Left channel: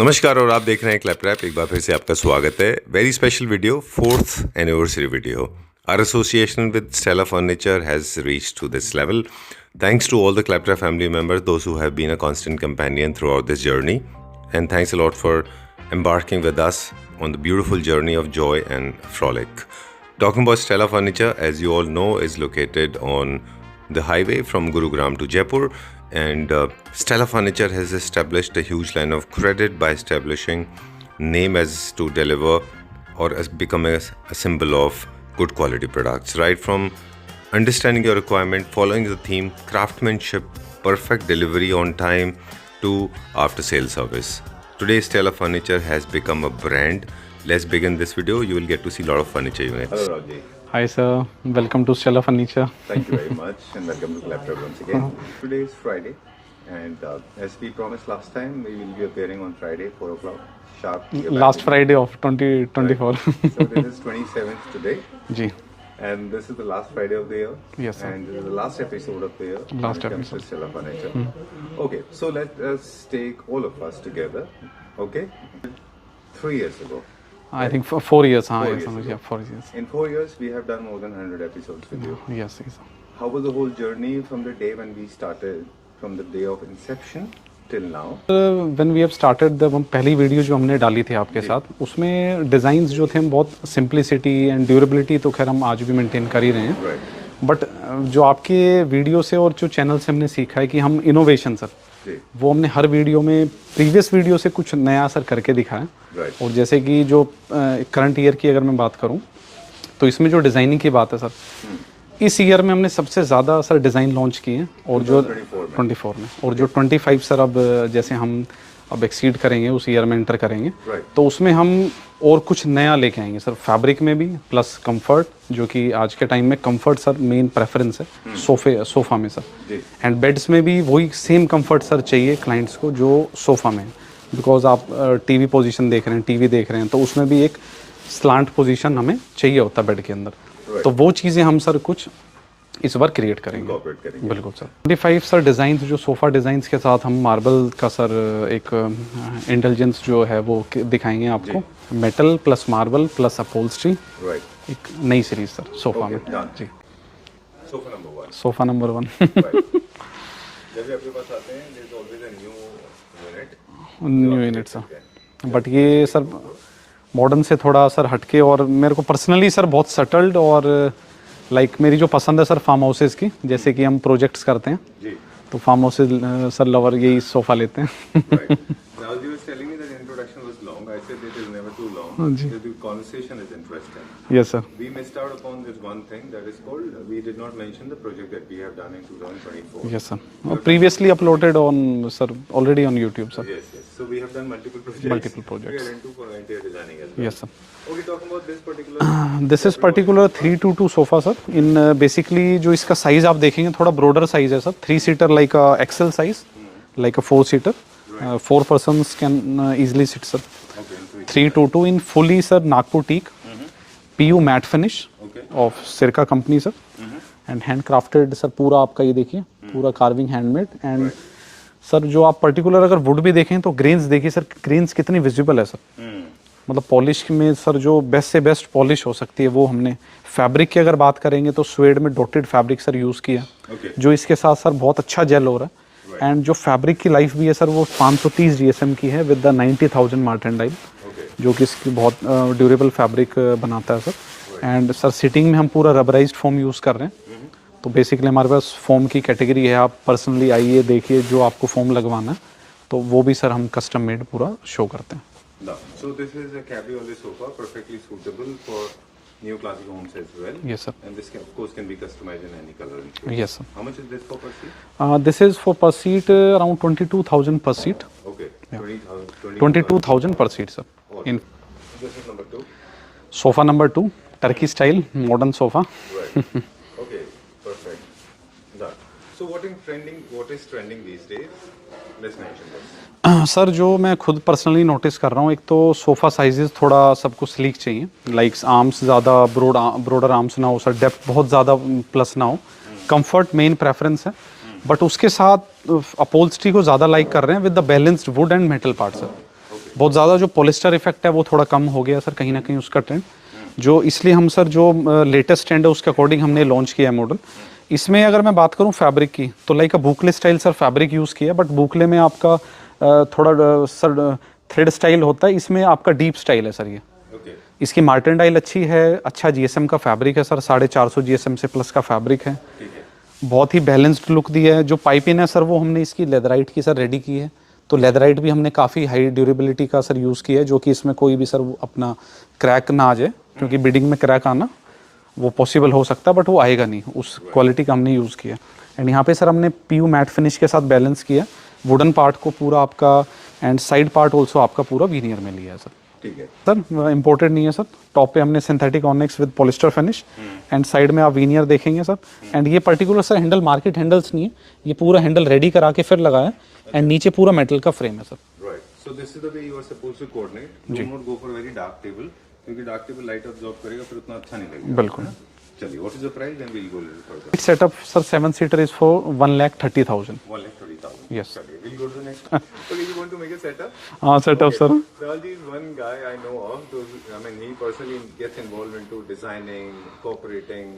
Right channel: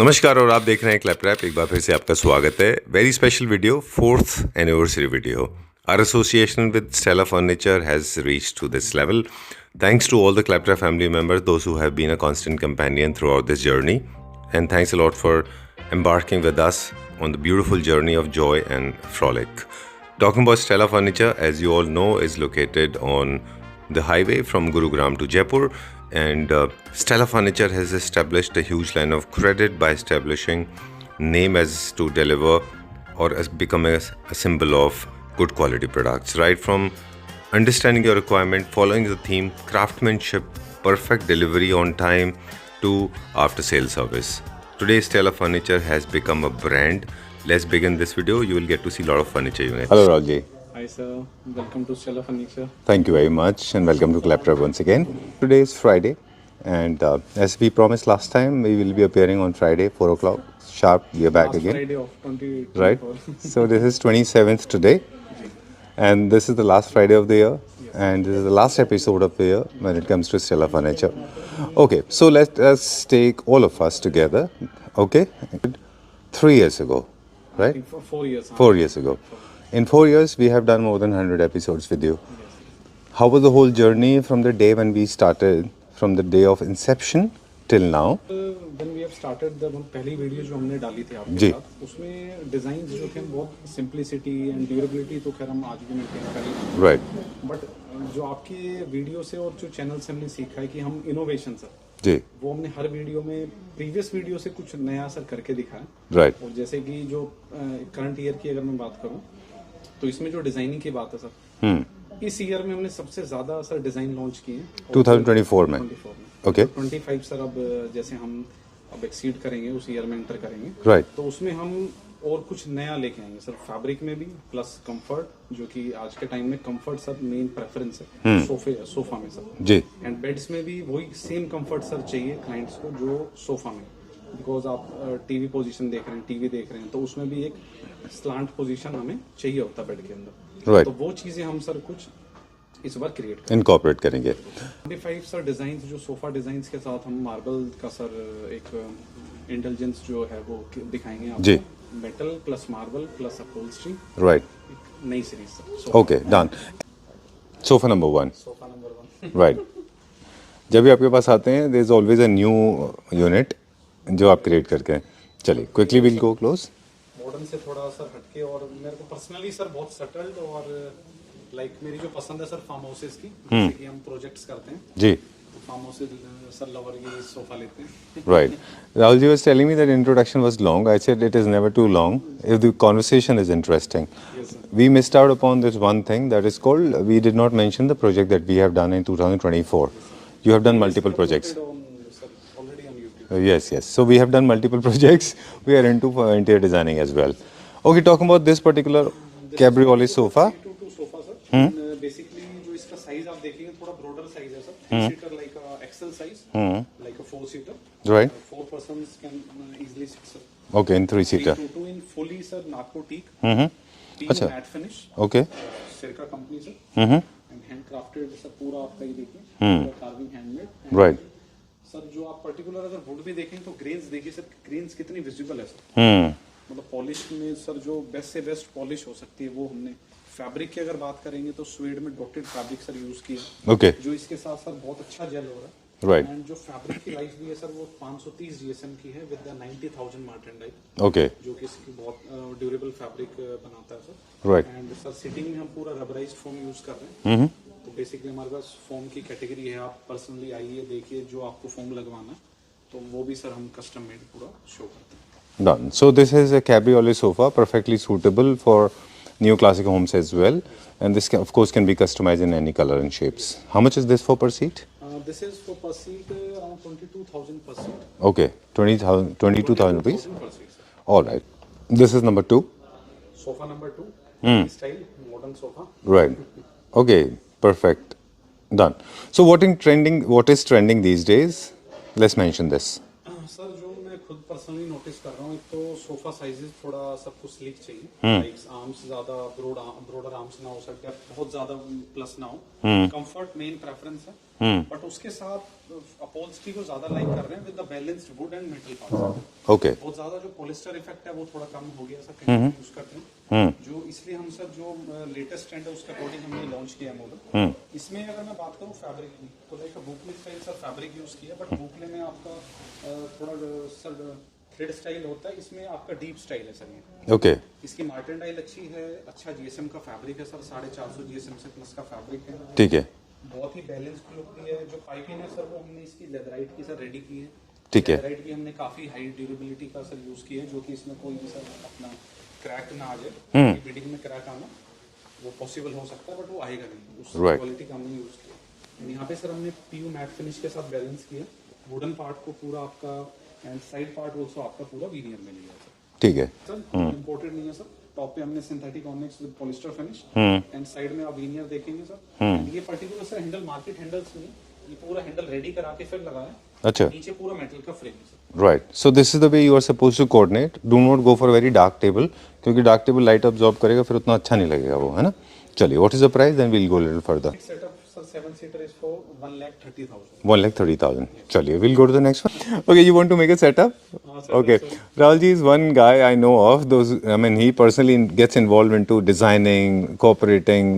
नमस्कार और आप देख रहे हैं क्लैपट्रैप। एक बार फिर से आपका स्वागत है। Very special video, 4th anniversary video. Our association with Stella Furniture has reached to this level. Thanks to all the Claptrap family members, those who have been a constant companion throughout this journey. And thanks a lot for embarking with us on the beautiful journey of joy and frolic. Talking about Stella Furniture, as you all know, is located on the highway from Gurugram to Jaipur. And Stella Furniture has established a huge line of credit by establishing name as to deliver or as become a symbol of good quality products. Right from understanding your requirement, following the theme, craftsmanship, perfect delivery on time to after sale service. Today Stella Furniture has become a brand. Let's begin this video. You will get to see a lot of furniture units. Hello Raji. Hi sir, welcome to Stella Furniture. Thank you very much and welcome to Claptrap once again. Today is Friday and as we promised last time, we will be appearing on Friday 4 o'clock sharp. We are back Last again. Friday of 2024. Right? So this is 27th today जी. and this is the last Friday of the year. Yes. And this is the last episode of the year when it comes to Stella Furniture. Okay, so let us take all of us together. Okay, 3 years ago. I Right? think 4 years. हाँ, 4 years ago. Yeah, 4 years. In 4 years, we have done more than 100 episodes with you. Yes, yes. How was the whole journey from the day when we started, from the day of inception till now? When we have started, जब हम पहली video जो हमने डाली थी आपके जी. साथ, उसमें डिज़ाइंस जो थे हम बहुत सिंप्लिसिटी एंड ड्यूरेबिलिटी तो खैर हम आज भी मेंटेन कर ही रहे हैं. Right. बट जो आपके वीडियो से और जो चैनल से हमने सीखा है कि हम इनोवेशन सर जी. वो हमने हर वीडियो में प्रीवियस वीडियो से कुछ नया सर करके दिखाया. Right. और जैसे कि जो करंट ईयर की अगर मैं बात करूं तो इसमें जो डिज़ाइनिंग की बात है सर, इस ईयर में हमने सबसे ज़्यादा सर डिज़ाइन लॉन्च किए हैं. और 2024 में. 24 में. और जो 25 सर अब जैसे हम अब एक्सीड करेंगे उस ईयर में एंटर करेंगे. Right. तो उसमें हम और कुछ नया लेके आएंगे सर, फैब्रिक में भी प्लस कंफर्ट, जो कि आज के टाइम में कंफर्ट सर मेन प्रेफरेंस है सोफा में सर. जी. एंड बेड्स में भी वही सेम कंफर्ट सर चाहिए क्लाइंट्स को जो सोफ़ा में है. बिकॉज आप टीवी पोजीशन देख रहे हैं, टीवी देख रहे हैं, तो उसमें भी एक स्लांट पोजीशन हमें चाहिए होता है बेड के अंदर. Right. तो वो चीज़ें हम सर कुछ इस बार क्रिएट करेंगे. Incorporate करेंगे. बिल्कुल सर. 25 सर डिज़ाइन जो सोफ़ा डिज़ाइंस के साथ हम मार्बल का सर एक इंटेलिजेंस जो है वो दिखाएंगे जी. आपको. Metal plus marble plus upholstery, Right. एक नई series sir sofa. Okay, done. Sofa number 1. Sofa number 1. Right. जब भी आपके पास आते हैं, there is always a new unit जो आप क्रिएट करके हैं. But चलिए, ये कुछ सर भी go close. मॉडर्न से थोड़ा सर हटके, और मेरे को पर्सनली सर बहुत सटल्ड और लाइक मेरी जो पसंद है सर फार्म हाउसेस की, जैसे कि हम प्रोजेक्ट्स करते हैं जी. तो फार्म हाउसेस सर लवर यही सोफ़ा लेते हैं. Right. Rahul ji was telling me that introduction was long. I said it is never too long if the conversation is interesting. Yes sir. We missed out upon this one thing that is called, we did not mention the project that we have done in 2024. Yes sir. You have done previously multiple uploaded on sir already on YouTube sir. Yes, yes. So we have done multiple projects. We are into interior designing as well. Okay, talking about this particular this is cabriolet particular sofa. 322 sofa sir. In basically जो इसका size आप देखेंगे थोड़ा broader size है sir. 3 seater like a XL size, like a 4 seater. Right. 4 persons can easily sit sir. Okay, in 3-seater. 322 in fully sir Nagpur teak, PU matte finish Okay. of Sirca company sir, and handcrafted sir. पूरा आपका ये देखिए पूरा carving handmade and Right. Sir जो आप particular अगर would भी देखें तो ग्रेन्स देखिए सर, ग्रेन्स कितनी विजिबल है सर. मतलब पॉलिश में सर जो बेस्ट से बेस्ट पॉलिश हो सकती है वो हमने. फैब्रिक की अगर बात करेंगे तो स्वेड में डॉटेड फैब्रिक सर यूज़ किया, Okay. जो इसके साथ सर बहुत अच्छा जेल हो रहा है. Right. एंड जो फैब्रिक की लाइफ भी है सर वो 530 GSM की है विद द 90,000 मार्टेंडाइल, Okay. जो कि इसकी बहुत ड्यूरेबल फैब्रिक बनाता है sir. Right. And sir sitting में हम पूरा रबराइज्ड फोम यूज़ कर रहे हैं. तो बेसिकली हमारे पास फोम की कैटेगरी है. आप पर्सनली आइए देखिए जो आपको फोम लगवाना है तो वो भी सर हम कस्टम मेड पूरा शो करते हैं. Done. So this is a cabriolet sofa, perfectly suitable for new classic homes as well. Yes, sir. And this can, of course can be customized in any color and shapes. Yes, sir. How much is this for per seat? This is for पर seat around 22,000 पर seat. Okay, 22,000. 22,000 पर seat sir. All right. This is number 2. Sofa number 2 Turkey style modern sofa. Right. Okay, perfect. Done. So what is trending these days? Let's mention this. Sir जो मैं खुद personally notice कर रहा हूँ, एक तो sofa sizes थोड़ा सबको स्लीक चाहिए. लाइक आर्म्स ज़्यादा ब्रॉडर आर्म्स ना हो सर, डेप्थ बहुत ज़्यादा प्लस ना हो. कंफर्ट मेन प्रेफरेंस है, बट उसके साथ अपहोल्स्ट्री को ज़्यादा लाइक कर रहे हैं with the balanced would and metal part sir. Okay. बहुत ज़्यादा जो पॉलिस्टर इफेक्ट है वो थोड़ा कम हो गया सर कहीं ना कहीं उसका ट्रेंड, जो इसलिए हम सर जो लेटेस्ट ट्रेंड है उसके अकॉर्डिंग हमने लॉन्च किया है मॉडल। इसमें अगर मैं बात करूं फैब्रिक की तो like boucle style sir fabric use किया, बट बुकले में आपका थोड़ा सर थ्रेड स्टाइल होता है, इसमें आपका डीप स्टाइल है सर ये। ओके इसकी मार्टेंडाइल अच्छी है, अच्छा जीएसएम का फैब्रिक है सर, 450 जीएसएम से प्लस का फैब्रिक है, ठीक है बहुत ही बैलेंस्ड लुक दिया है। जो पाइपिंग है सर वो हमने इसकी लेदराइट की सर रेडी की है, तो लेदराइट भी हमने काफ़ी हाई ड्यूरेबिलिटी का सर यूज़ किया है, जो कि इसमें कोई भी सर वो अपना क्रैक ना आ जाए, क्योंकि बिडिंग में क्रैक आना वो पॉसिबल हो सकता है बट वो आएगा नहीं, उस क्वालिटी का हमने यूज़ किया। एंड यहाँ पे सर हमने पीयू मैट फिनिश के साथ बैलेंस किया, वुडन पार्ट को पूरा आपका एंड साइड पार्ट ऑल्सो आपका पूरा वीनियर में लिया है सर। ठीक है सर इम्पोर्टेड नहीं है सर, टॉप पे हमने synthetic onyx with polyester finish and side में आप वीनियर देखेंगे सर। एंड ये particular sir handle market handles नहीं है, ये पूरा हैंडल रेडी करा के फिर लगाया एंड नीचे पूरा मेटल का फ्रेम है sir. Right, so this is the way you are suppose to coordinate, do not go for very dark table, क्योंकि डार्क टेबल लाइट अब्सॉर्ब करेगा फिर उतना अच्छा नहीं लगेगा वो, है ना। चलिए, what is the price, then we will go little further. Setup sir 7 seater is for 1,30,000। 1,30,000. Yes. Chaliye, we'll go to the next one. Okay, you want to make a setup? Setup Okay. Sir Rahul ji is one guy I know of. I mean, he personally gets involved into designing, cooperating,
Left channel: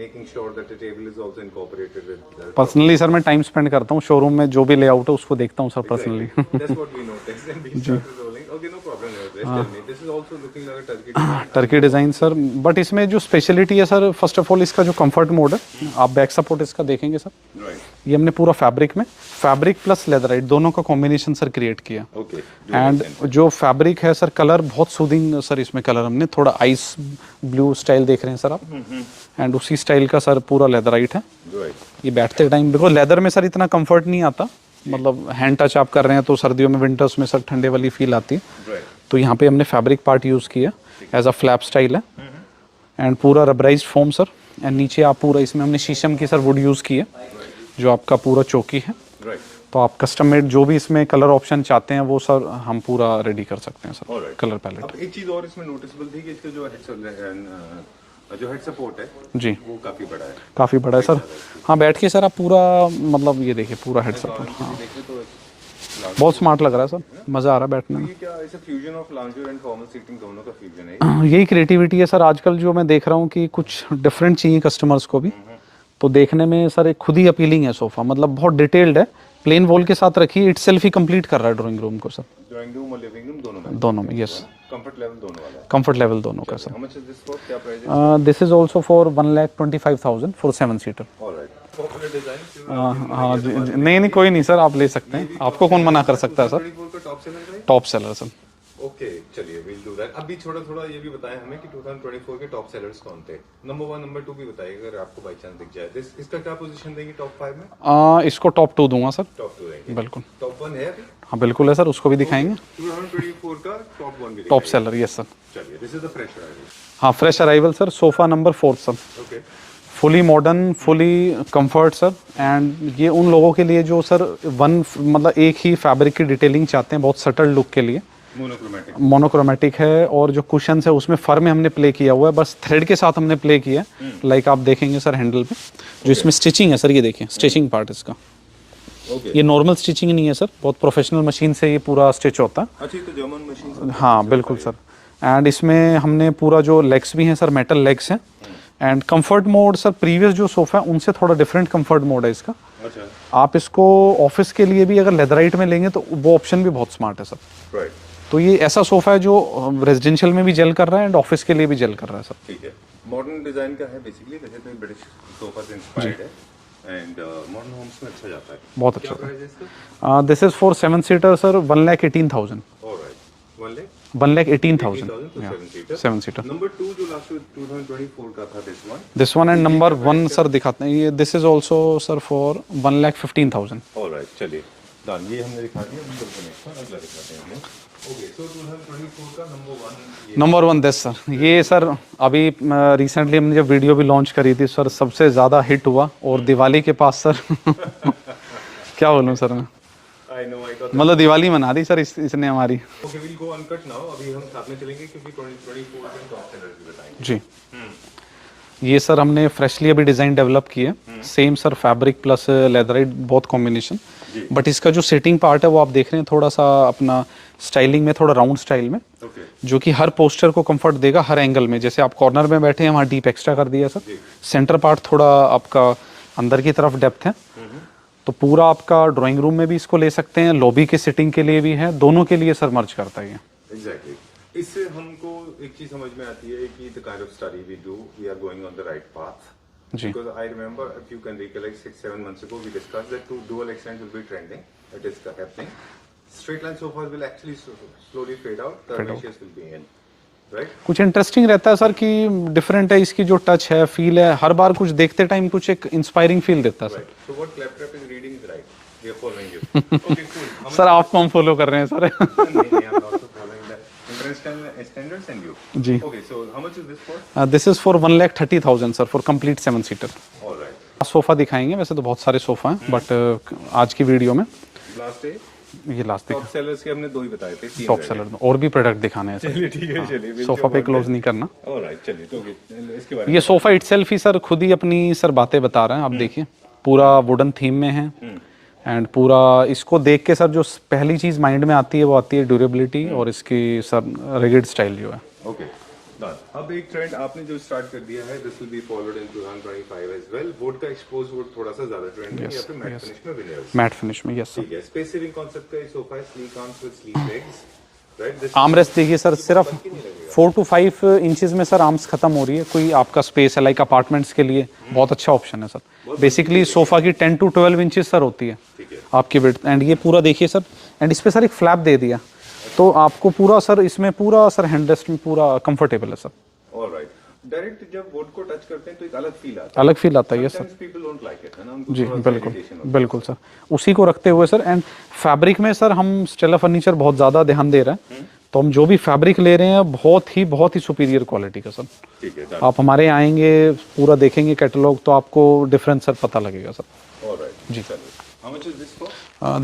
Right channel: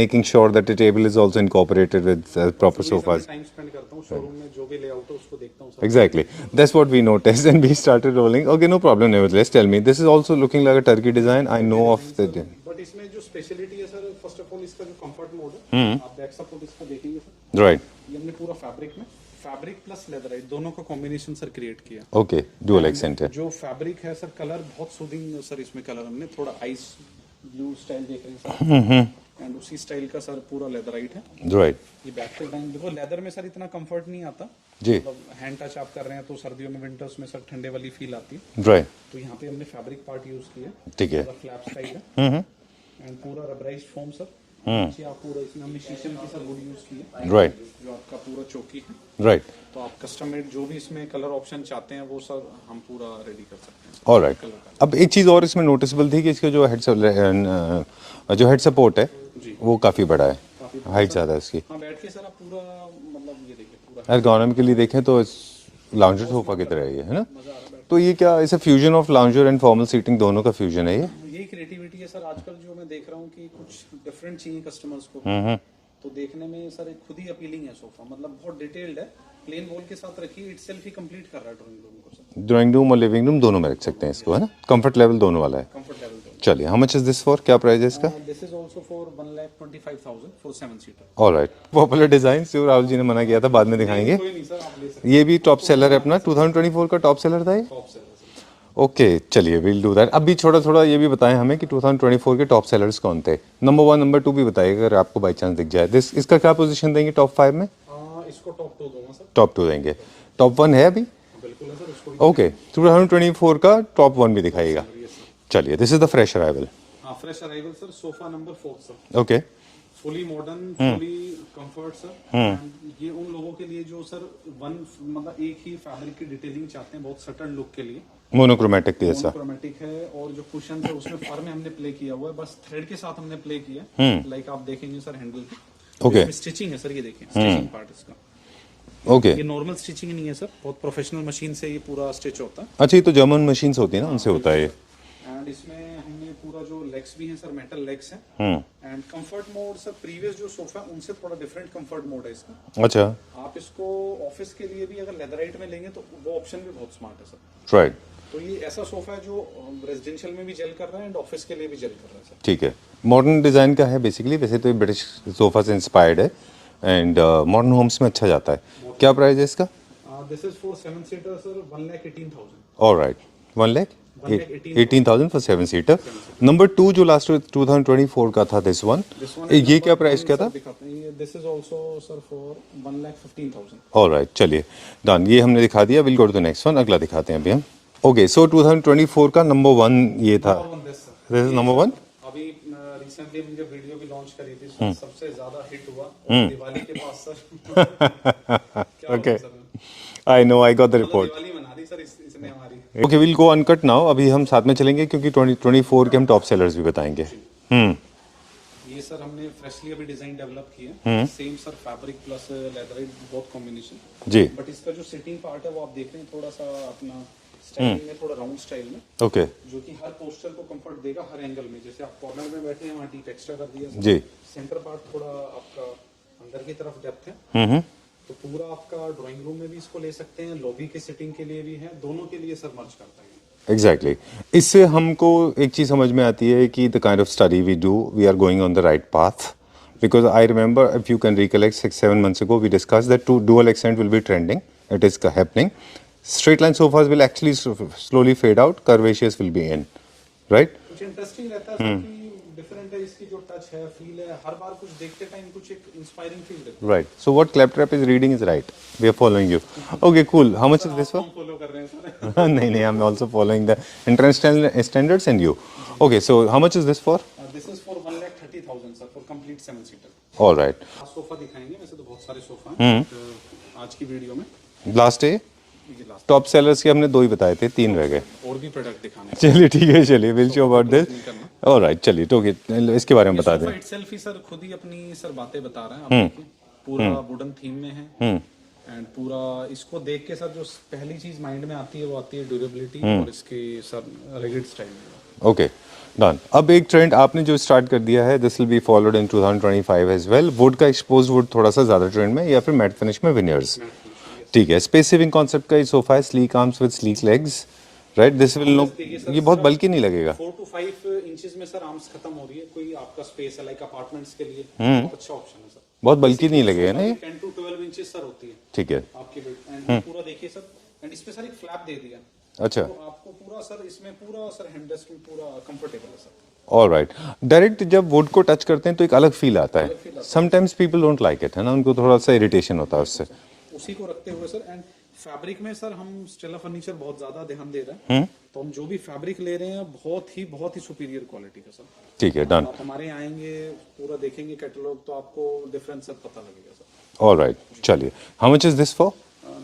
making sure that the table is also incorporated with proper personally sir मैं sofas. Time spend करता हूँ showroom में, जो भी layout है उसको देखता हूँ sir. Exactly. That's what we noticed, and we started rolling. Okay, no problem. Nevertheless, tell me, this is also looking like a turkey design. I Turkey know of design sir, turkey. But इसमें जो speciality है sir, first of all इसका जो comfort mode है, आप back support इसका देखेंगे sir, Right. ये हमने पूरा फैब्रिक में फैब्रिक प्लस लेदराइट दोनों का कॉम्बिनेशन सर क्रिएट किया। Okay. Dual and accented. जो फैब्रिक है सर, कलर बहुत सूदिंग सर, इसमें कलर हमने थोड़ा आइस ब्लू स्टाइल देख रहे हैं सर आप, एंड उसी स्टाइल का सर पूरा लेदराइट है। Right. ये बैठते टाइम बिकॉज लेदर में सर इतना कंफर्ट नहीं आता, मतलब हैंड टच आप कर रहे हैं तो सर्दियों में विंटर्स में सर ठंडे वाली फील आती है, Right. तो यहाँ पे हमने फैब्रिक पार्ट यूज किया ठीक है। एज अ फ्लैप स्टाइल है, एंड पूरा रबराइज्ड फोम सर, एंड नीचे आप पूरा इसमें हमने शीशम की सर वुड यूज की है, Right. जो आपका पूरा चौकी है, Right. तो आप कस्टम मेड जो भी इसमें कलर ऑप्शन चाहते हैं वो सर हम पूरा रेडी कर सकते हैं sir. All right. Colour palette अब एक चीज़ और इसमें नोटिसेबल थी कि इसका जो हेड सपोर्ट है जी वो काफ़ी बड़ा है, काफी बड़ा है height सर। ज़्यादा है इसकी। हाँ, बैठ के सर आप पूरा मतलब ये देखिए पूरा हेड गार्डन के लिए देखें तो लाउंजर बहुत स्मार्ट लग रहा है सर, मजा आ रहा है बैठने तो ये क्या इसे fusion of lounger and formal seating दोनों का फ्यूजन है ये? में। यही क्रिएटिविटी है सर आजकल, जो मैं देख रहा हूँ कि कुछ डिफरेंट चाहिए कस्टमर्स को भी, तो देखने में सर एक खुद ही अपीलिंग है सोफा, मतलब बहुत डिटेल्ड है, प्लेन वॉल के साथ रखिए, इटसेल्फ ही कंप्लीट कर रहा है ड्राइंग रूम को सर। ड्राइंग रूम और लिविंग रूम दोनों में रख सकते हैं इसको, है ना। कंफर्ट लेवल दोनों वाला है। कंफर्ट लेवल दोनों। चलिए, how much is this for, क्या प्राइस है इसका? This is also for 1,25,000 for 7 seater. Alright, popular design सिर्फ राहुल जी ने मना किया था, बाद में नहीं कोई नहीं सर, आप ले सकते हैं। ये भी टॉप आपको कौन सेलर मना है कर अपना, सकता है सर? 2024 का टॉप सेलर था ये? Top seller sir. ओके, चलिए विल डू दैट। अभी थोड़ा ये भी बताएं हमें कि 2024 के टॉप सेलर्स कौन थे, नंबर 1 नंबर 2 भी बताइए अगर आपको बाई चांस दिख जाए। इसका क्या पोजीशन देंगे टॉप 5 में? इसको टॉप 2 दूंगा सर। टॉप 2 देंगे, बिल्कुल। टॉप 1 है अभी? हाँ बिल्कुल है सर, उसको भी ओके, दिखाएंगे। 2024 का टॉप 1 भी टॉप दिखाइए। Seller, yes sir. चलिए, this is the fresh arrival. हाँ, fresh arrival sir, sofa number 4 sir, okay, fully modern, fully comfort sir, and ये उन लोगों के लिए जो सर मतलब एक ही फैब्रिक की डिटेलिंग चाहते हैं, बहुत सटल लुक के लिए। मोनोक्रोमेटिक है, और जो कुशन है उसमें फर में हमने प्ले किया हुआ है, बस थ्रेड के साथ हमने प्ले किया है, लाइक आप देखेंगे सर हैंडल पे जो इसमें स्टिचिंग है सर, ये देखिए स्टिचिंग पार्ट इसका। ओके, ये नॉर्मल स्टिचिंग नहीं है सर, बहुत प्रोफेशनल मशीन से ये पूरा स्टिच होता है। अच्छा, ये तो जर्मन मशीन्स होती हैं। हाँ इनसे होता बिल्कुल है ये। सर, एंड इसमें हमने पूरा जो लेग्स भी हैं सर, मेटल लेग्स हैं, and comfort mode sir previous जो सोफा है उनसे थोड़ा डिफरेंट कंफर्ट मोड है इसका। अच्छा, आप इसको ऑफिस के लिए भी अगर लेदराइट में लेंगे तो वो ऑप्शन भी बहुत स्मार्ट है सर। राइट, तो ये ऐसा सोफा है जो रेजिडेंशियल में भी जेल कर रहा है एंड ऑफिस के लिए भी जेल कर रहा है सर। ठीक है। मॉडर्न डिजाइन का है बेसिकली, वैसे तो ये ब्रिटिश सोफा से इंस्पायर्ड है एंड मॉडर्न होम्स में अच्छा जाता है। बहुत क्या प्राइस है इसका? This is for 7 seater sir, 1,18,000। Alright, 1,18,000 for 7 seater. 7 seater. Number 2 जो लास्ट 2024 का था, this one and number 1 sir दिखाते हैं, ये this is also sir for 1,15,000। Alright, चलिए डन, ये हमने दिखा दिया। Will go to the next one, अगला दिखाते हैं अभी हम। ओके, सो 2024 का नंबर 1 ये नंबर 1 दिस सर, ये number सर अभी रिसेंटली हमने जब वीडियो भी लॉन्च करी थी सर, सबसे ज्यादा हिट हुआ, और दिवाली के पास सर क्या बोलूं सर मैं, I know, I got that, मतलब दिवाली मना दी सर इसने हमारी। Okay, will go uncut now. अभी हम साथ में चलेंगे क्योंकि 2024 के हम टॉप सेलर्स भी बताएंगे। जी। ये सर हमने फ्रेशली अभी डिजाइन डेवलप की है, same sir fabric plus leatherette बहुत कॉम्बिनेशन जी। बट इसका जो सेटिंग पार्ट है वो आप देख रहे हैं थोड़ा सा अपना स्टाइलिंग में थोड़ा राउंड स्टाइल में, ओके जो कि हर पोस्टर को कंफर्ट देगा हर एंगल में। जैसे आप कॉर्नर में बैठे हैं वहाँ डीप एक्स्ट्रा कर दिया सर, जी। सेंटर पार्ट थोड़ा आपका अंदर की तरफ डेप्थ है, तो पूरा आपका ड्राइंग रूम में भी इसको ले सकते हैं, लॉबी के सिटिंग के लिए भी है, दोनों के लिए सर मर्ज करता है ये। एग्जैक्टली इससे हमको एक चीज समझ में आती है कि the kind of study we do we are going on the right path because I remember if you can recollect 6-7 months ago we discussed that dual accent will be trending, it is happening, straight line sofas will actually slowly fade out, curvaceous will be in, right? कुछ interesting रहता है sir कि different है इसकी जो touch है, feel है, हर बार कुछ देखते टाइम कुछ एक इंस्पायरिंग फील देता है। Right, so what Claptrap is reading is right, we are following you. Okay, cool. How much sir is आप this हम फॉलो कर रहे हैं सर। नहीं नहीं, I'm also following the international standards and you. जी। Okay, so how much is this for? This is for 1,30,000 sir for complete 7 seater. All right. Sofa दिखाएंगे, वैसे तो बहुत सारे सोफा हैं बट आज की वीडियो में Last day ये लास्ट टॉप सेलर्स के हमने 2 ही बताए थे, 3 रह गए। और भी प्रोडक्ट दिखाने हैं। चलिए ठीक है, चलिए we'll सोफा show पे about क्लोज this. नहीं करना। ऑलराइट, चलिए तो इसके बारे में ये बता सोफा दो। इटसेल्फ ही सर खुद ही अपनी सर बातें बता रहा है, आप देखिए पूरा वुडन थीम में है एंड पूरा इसको देख के सर जो पहली चीज माइंड में आती है वो आती है ड्यूरेबिलिटी और इसकी सर रिगिड स्टाइल जो है। Okay done. अब एक ट्रेंड आपने जो स्टार्ट कर दिया है, this will be followed in 2025 as well. Wood का एक्सपोज्ड वुड थोड़ा सा ज्यादा ट्रेंड में या फिर मैट फिनिश में विनियर्स? मैट फिनिश में, यस। ठीक है। स्पेस सेविंग कॉन्सेप्ट का ये सोफा है, sleek arms with sleek legs, right? This armrest देखिए सर, ये बहुत बल्कि नहीं लगेगा। 4 to 5 इंचेस में सर आर्म्स खत्म हो रही है, कोई आपका स्पेस है लाइक अपार्टमेंट्स के लिए बहुत अच्छा ऑप्शन है सर। बहुत bulky बेसिकली नहीं लगेगा, सोफा की नहीं? 10 to 12 इंचेस सर होती है ठीक है। आपकी विड्थ, एंड ये पूरा देखिए सर, एंड इस पे सर एक फ्लैप दे दिया, अच्छा। तो आपको पूरा सर इसमें पूरा सर हैंडरेस्ट में पूरा कंफर्टेबल है सर। ऑलराइट, डायरेक्ट जब वुड को टच करते हैं तो एक अलग फील आता है। अलग फील आता है, yes, sometimes people don't like it, है ना, उनको थोड़ा सा इरिटेशन होता है बिल्कुल उससे। सर, उसी को रखते हुए सर, एंड फैब्रिक में सर हम स्टेला फर्नीचर बहुत ज्यादा ध्यान दे रहे हैं, तो हम जो भी फैब्रिक ले रहे हैं बहुत ही सुपीरियर क्वालिटी का सर। ठीक है, डन। आप हमारे यहाँ आएंगे, पूरा देखेंगे कैटलॉग, तो आपको डिफरेंस सर पता लगेगा सर। ऑलराइट, चलिए। How much is this for?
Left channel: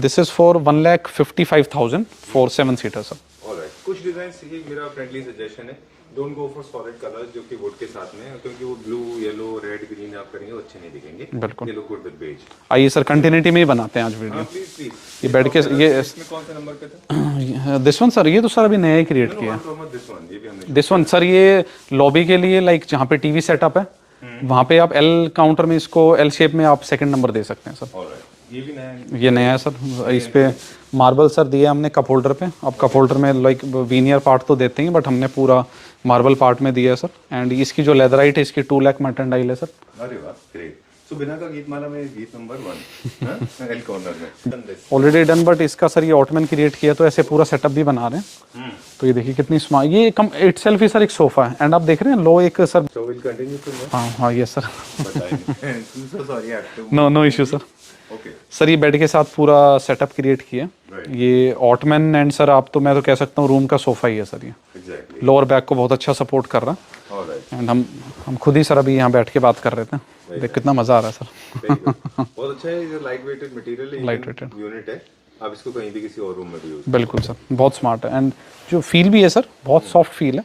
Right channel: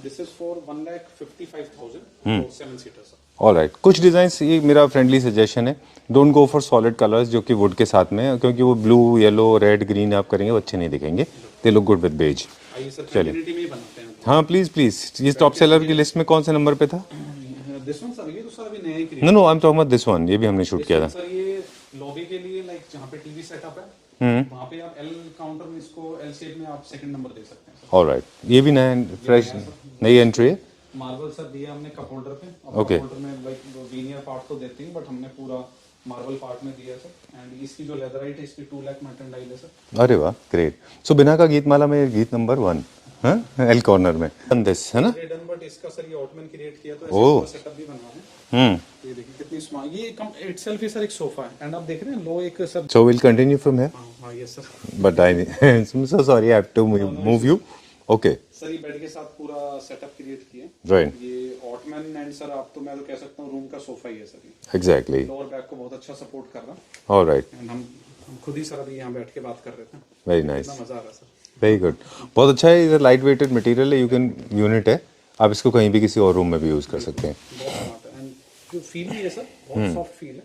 This is for 1,55,000 for 7 seater sir. Alright, कुछ डिजाइन्स, ये मेरा फ्रेंडली सजेशन है, don't go for solid colours जो कि वुड के साथ में है, क्योंकि वो ब्लू, येलो, रेड, ग्रीन आप करेंगे वो अच्छे नहीं दिखेंगे। They look good with beige. आइए सर, कंटिन्यूटी में ही बनाते हैं आज भी। हाँ प्लीज प्लीज। इस बैठ टॉप के सेलर ये- की लिस्ट में कौन से नंबर पे था? दिस वन सर, ये तो सर अभी नया ही क्रिएट नो नो, किया I am talking about this one, ये भी हमने शूट दिस किया वन ना। सर, ये लॉबी के लिए लाइक जहाँ पे टीवी सेटअप है वहाँ पे आप एल काउंटर में इसको एल शेप में आप सेकंड नंबर दे सकते हैं सर। ऑलराइट, ये भी नया है। ये नया है सर। नई इस entry पे है? मार्बल सर दिया हमने कप होल्डर पे। अब कप होल्डर में लाइक वीनियर पार्ट तो देते हैं, बट हमने पूरा मार्बल पार्ट में दिया है सर। एंड इसकी जो लेदराइट है इसकी 2 लाख मर्टेंडाइल है सर। अरे वाह, ग्रेट। सो बिना का गीतमाला में गीत नंबर 1 एल कॉर्नर में done this. Already done, but इसका सर ये ऑटमैन क्रिएट किया, तो ऐसे पूरा सेटअप भी बना रहे हैं। तो ये देखिए कितनी स्मार्ट, ये कम इटसेल्फ ही सर एक सोफा है, एंड आप देख रहे हैं लो एक sir. So will continue from here, हाँ हाँ, ये सर। But I am so sorry, I have to No, no issue, sir. Okay sir ये बेड के साथ पूरा सेटअप क्रिएट किया। Right. ये ऑटमैन एंड सर आप तो मैं तो कह सकता हूँ रूम का सोफा ही है सर ये। एग्जैक्टली। लोअर बैक को बहुत अच्छा सपोर्ट कर रहा है। ऑलराइट, एंड हम खुद ही सर अभी यहाँ बैठ के बात कर रहे थे। Very देख nice. कितना मजा आ रहा है सर। Very good. बहुत अच्छा है, ये लाइट वेटेड मटेरियल है, यू कैन यूनिट है, आप इसको कहीं भी किसी और रूम में भी यूज कर बिल्कुल सकते सर, बहुत स्मार्ट है, एंड जो फील भी है सर बहुत सॉफ्ट फील है।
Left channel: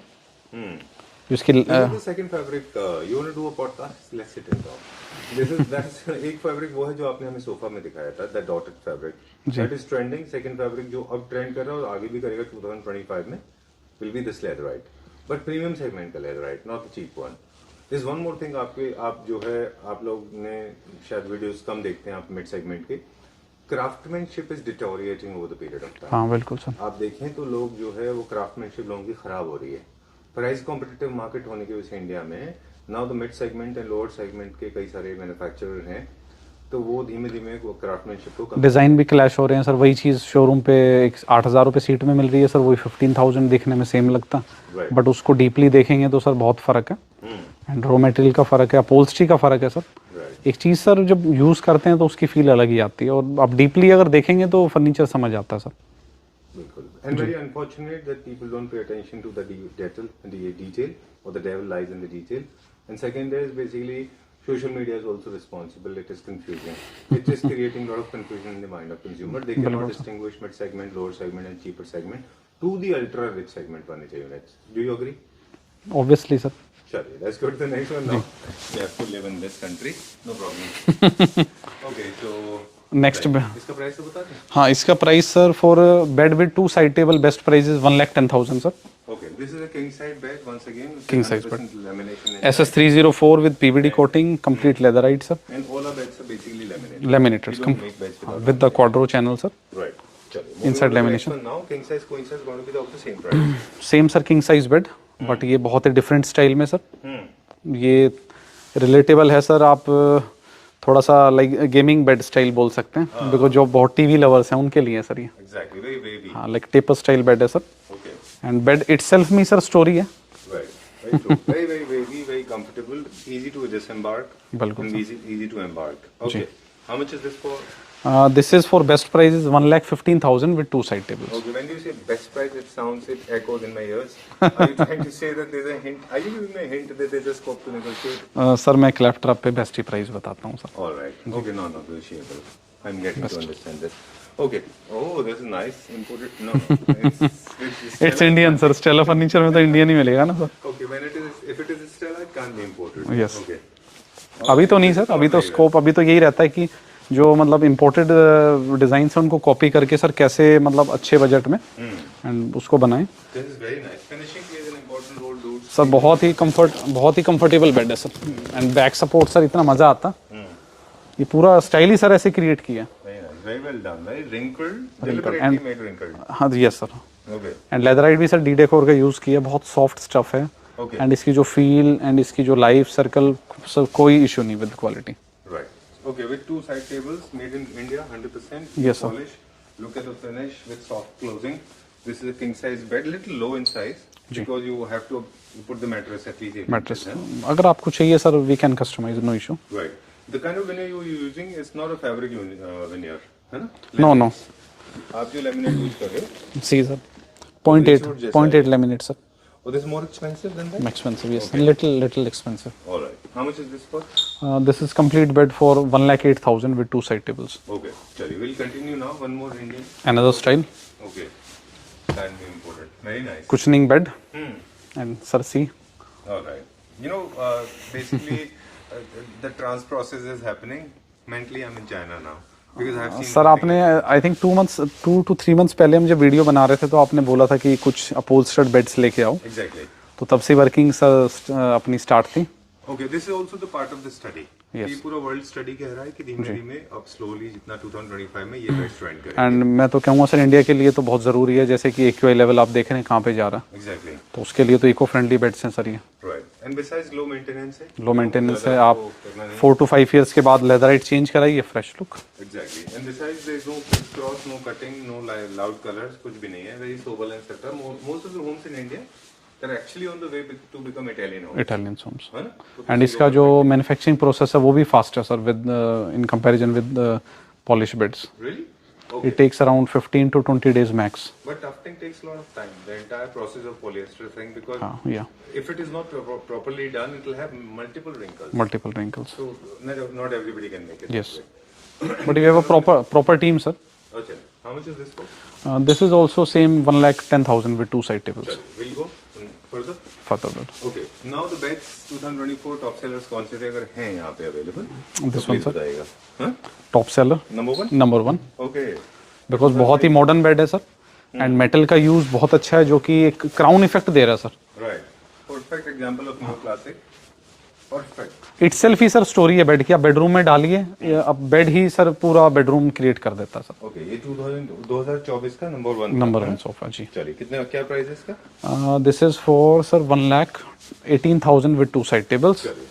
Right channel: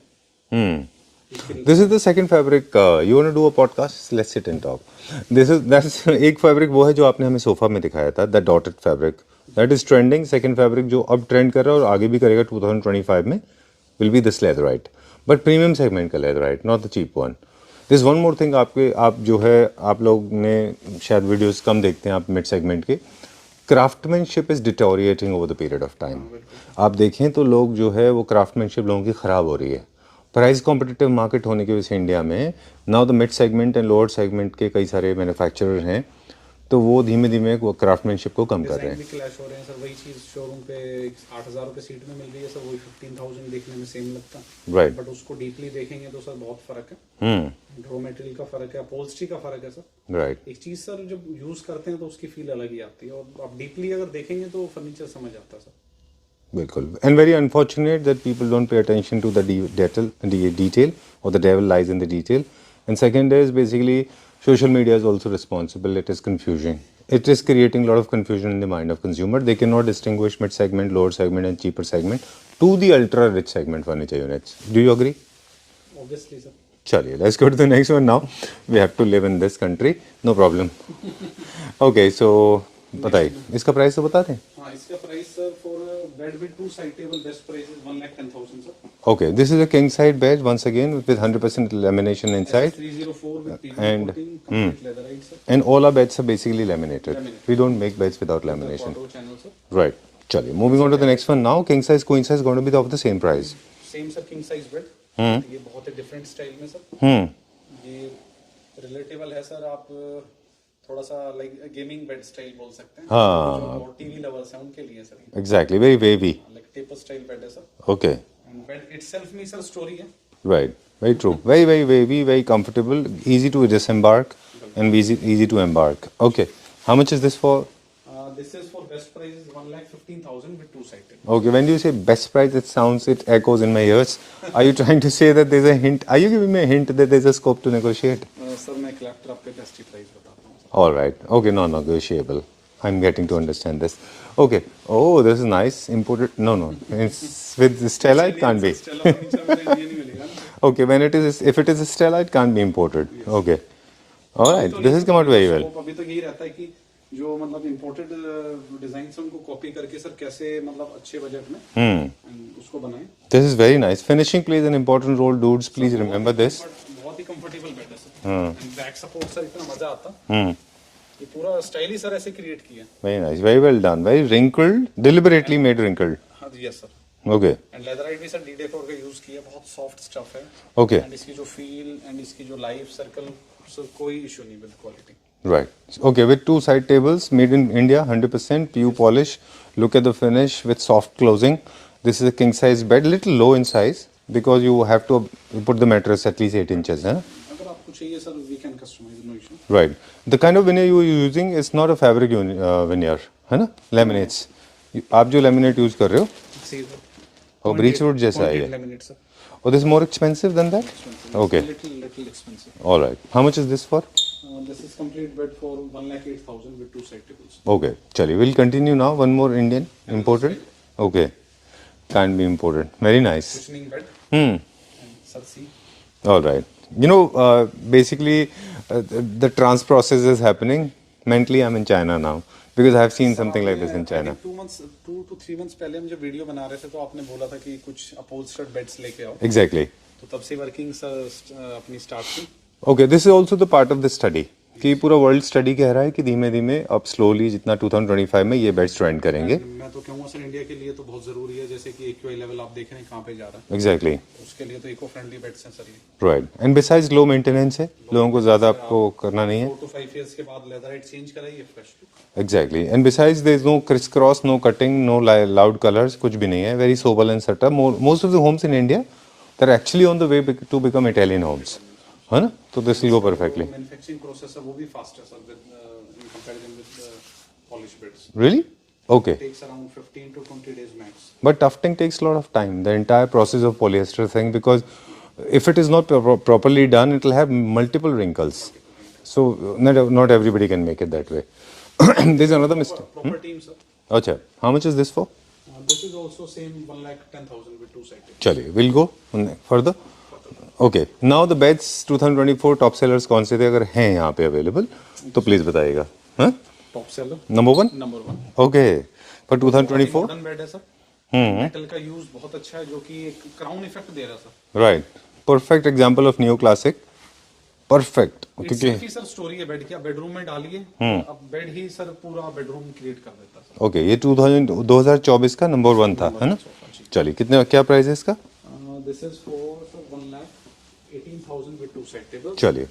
हैं। जिसकी this is the second fabric, you want to do a podcast, let's sit and talk. This is that's एक फैब्रिक वो है जो आपने हमें सोफा में दिखाया था, that dotted fabric, that is trending. Second fabric जो अब ट्रेंड कर रहा है और आगे भी करेगा 2025 में, will be this leatherite, but premium segment का leatherite, not the cheap one. This one more thing, आप जो है, आप लोग ने शायद वीडियोस कम देखते हैं आप मिड सेगमेंट के, craftsmanship is deteriorating over the period of time. हाँ बिल्कुल सर। आप देखें तो लोग जो है वो क्राफ्टमैनशिप लोगों की ख़राब हो रही है, प्राइस कॉम्पिटिटिव मार्केट होने की वजह से इंडिया में now the mid segment and lower segment के कई सारे मैन्युफैक्चरर हैं, तो वो धीमे धीमे वो क्राफ्टमैनशिप को कम डिजाइन भी क्लैश हो रहे हैं सर। वही चीज शोरूम पे 8,000 रुपये सीट में मिल रही है सर, वही 15,000 दिखने में सेम लगता है, राइट। बट उसको डीपली देखेंगे तो सर बहुत फर्क है। एंड रॉ मटेरियल का फर्क है, अपोल्स्ट्री का फर्क है सर। राइट। एक चीज सर जब यूज करते हैं तो उसकी फील अलग ही आती है, और आप डीपली अगर देखेंगे तो फर्नीचर समझ आता है सर। बिल्कुल। And very unfortunate that people don't pay attention to the detail और the devil lies in the detail. And second is basically social media is also responsible. It is confusing. It is creating a lot of confusion in the mind of consumer. They cannot distinguish mid segment, lower segment and cheaper segment to the ultra rich segment furniture units. Do you agree? Obviously sir. चलिए let's go to the next one now. We have to live in this country, no problem. Okay, so Next बताइए, इसका price तो बता दें. हाँ, इसका price sir for bed with 2 side table best price is 1,10,000 sir. Okay, this is a king side bed once again with 100% lamination inside. SS304 with PVD And- coating, complete leatherite sir. And all our beds are basically laminated. Laminated. We don't make beds without With the lamination. quadro channel sir. Right. चलिए, moving Inside on to the next lamination. one now. King size, queen size going to be of the same price. Same sir king size bed, but ये बहुत ही different style में sir. ये relatable है sir. आप थोड़ा सा like gaming bed style बोल सकते हैं, देखो जो बहुत टीवी लवर्स हैं उनके लिए सर ये. Exactly, very wavy. हाँ, लाइक टेपर स्टाइल बेड है sir. Okay. And bed itself में सर स्टोरी है. Right. Very true. Very, very wavy, very comfortable, easy to disembark बिल्कुल. and easy to embark. Okay. How much is this for? This is for best price is 1,15,000 with 2 side tables. Okay, when you say best price, it echoes in my ears. Are you trying to say that there's a hint? Are you giving me a hint that there's a scope to negotiate? Sir मैं क्लैपट्रैप पे best ही price बताता हूँ sir. All right. Okay, non-negotiable. I'm getting to understand this. Okay. Oh, this is nice. Imported? No. It's with Stella. It's it Indian can't sir. be. Stella furniture में तो Indian ही मिलेगा ना sir. Okay, if it is Stella, it can't be imported. Yes. Okay. All अभी right, तो नहीं this is sir. not अभी तो very well. Scope अभी तो यही रहता है कि जो मतलब इम्पोर्टेड डिजाइन से उनको कॉपी करके सर कैसे मतलब अच्छे बजट में एंड उसको बनाएं. This is very nice. Finishing plays an important role, dudes. Sir Please remember this. बहुत ही कंफर्टेबल बेड है sir. And back support sir इतना मजा आता. ये पूरा स्टाइल ही सर ऐसे क्रिएट किया. Very nice. Very well done. Very wrinkled. Deliberately made wrinkled. हाँ yes sir. Okay. And leatherette भी सर डी डेकोर का यूज किया. बहुत सॉफ्ट स्टफ है. Okay. एंड इसकी जो फील एंड इसकी जो लाइफ सर्कल सर कोई इशू नहीं with quality. Right. Okay, with 2 side tables made in India, 100% pure Yes, sir. polish. Look at the finish with soft closing. This is a king size bed, little low in size because you have to put the mattress at least 8 inches. Huh? अगर आपको चाहिए sir we can customise, no issue. Right. The kind of veneer you are using is not a fabric veneer, है ना? Laminates. आप जो laminate use कर रहे हो? सी सर. Beechwood जैसा है 0.8 ये. Laminate sir. Oh, this is more expensive than that? Expensive, yes. Okay. Little expensive. All right. How much is this for? This is complete bed for 1,08,000 with 2 side tables. Okay. Chaliye, we'll continue now. One more Indian. Another imported. Okay. Can't be imported. Very nice. Cushioning bed. Hmm. And sir, see. All right. You know, basically, the trans process is happening. Mentally, I'm in China now because I have seen sir something आपने like this in I China. Think 2 to 3 months पहले हम जब video बना रहे थे तो आपने बोला था कि कुछ अपहोल्स्टर्ड बेड्स लेके आओ. Exactly. तो तब से वर्किंग सर अपनी स्टार्ट थी. Okay, this is also the part of the study. तो ये पूरा वर्ल्ड स्टडी कह रहा है कि धीमे धीमे अब स्लोली जितना 2025 में ये बेड्स ट्रेंड करेंगे. एंड मैं तो कहूँगा सर इंडिया के लिए तो बहुत ज़रूरी है. जैसे कि AQI लेवल आप देख रहे हैं कहाँ पे जा रहा है, Exactly. तो उसके लिए तो इको फ्रेंडली बेड्स हैं सर ये. Right. And besides low maintenance है. लो लोगों को मेंटेनेंस ज़्यादा है. आपको आप करना नहीं है. 4 to 5 years के बाद लेदराइट चेंज कराइए, fresh look. Exactly. And besides, there is no crisscross, no cutting, no loud colors, कुछ भी नहीं है. Very sober and setup. Most of the homes in India, they're actually on the way to become Italian homes. Italian homes. है ना? तो this and will go इसका जो perfectly. Manufacturing process है वो भी फास्ट है sir with in comparison with polish beds. Really? Okay. It takes around 15 to 20 days max. But tufting takes a lot of time. The entire process of polyester thing, because Yeah, if it is not properly done, it will have multiple wrinkles. multiple wrinkles. So not everybody can make it that Yes. way. But There you is have a another proper team, sir. Okay. How much is this for? This is also same 1,10,000 with 2 side tables. Chaliye, we'll go further. Further bed. Okay. Now the beds 2024 top sellers कौन से थे अगर हैं यहाँ पे available तो please बताइएगा. हाँ? Top seller. Number 1? Number 1. Okay. But बहुत ही 2024? मॉडर्न बेड है सर. एंड मेटल का यूज बहुत अच्छा है जो कि एक क्राउन इफेक्ट दे रहा है sir. Right. Perfect example of neoclassic. Perfect. Itself ही सर स्टोरी है बेड की. आप बेडरूम में डालिए, अब बेड ही सर पूरा बेडरूम क्रिएट कर देता है सर. Okay. ये 2024 का नंबर 1 था. नंबर है 1 ना? सोफा जी. चलिए कितने क्या प्राइस है इसका? This is for sir 1,18,000 with 2 side tables. चलिए.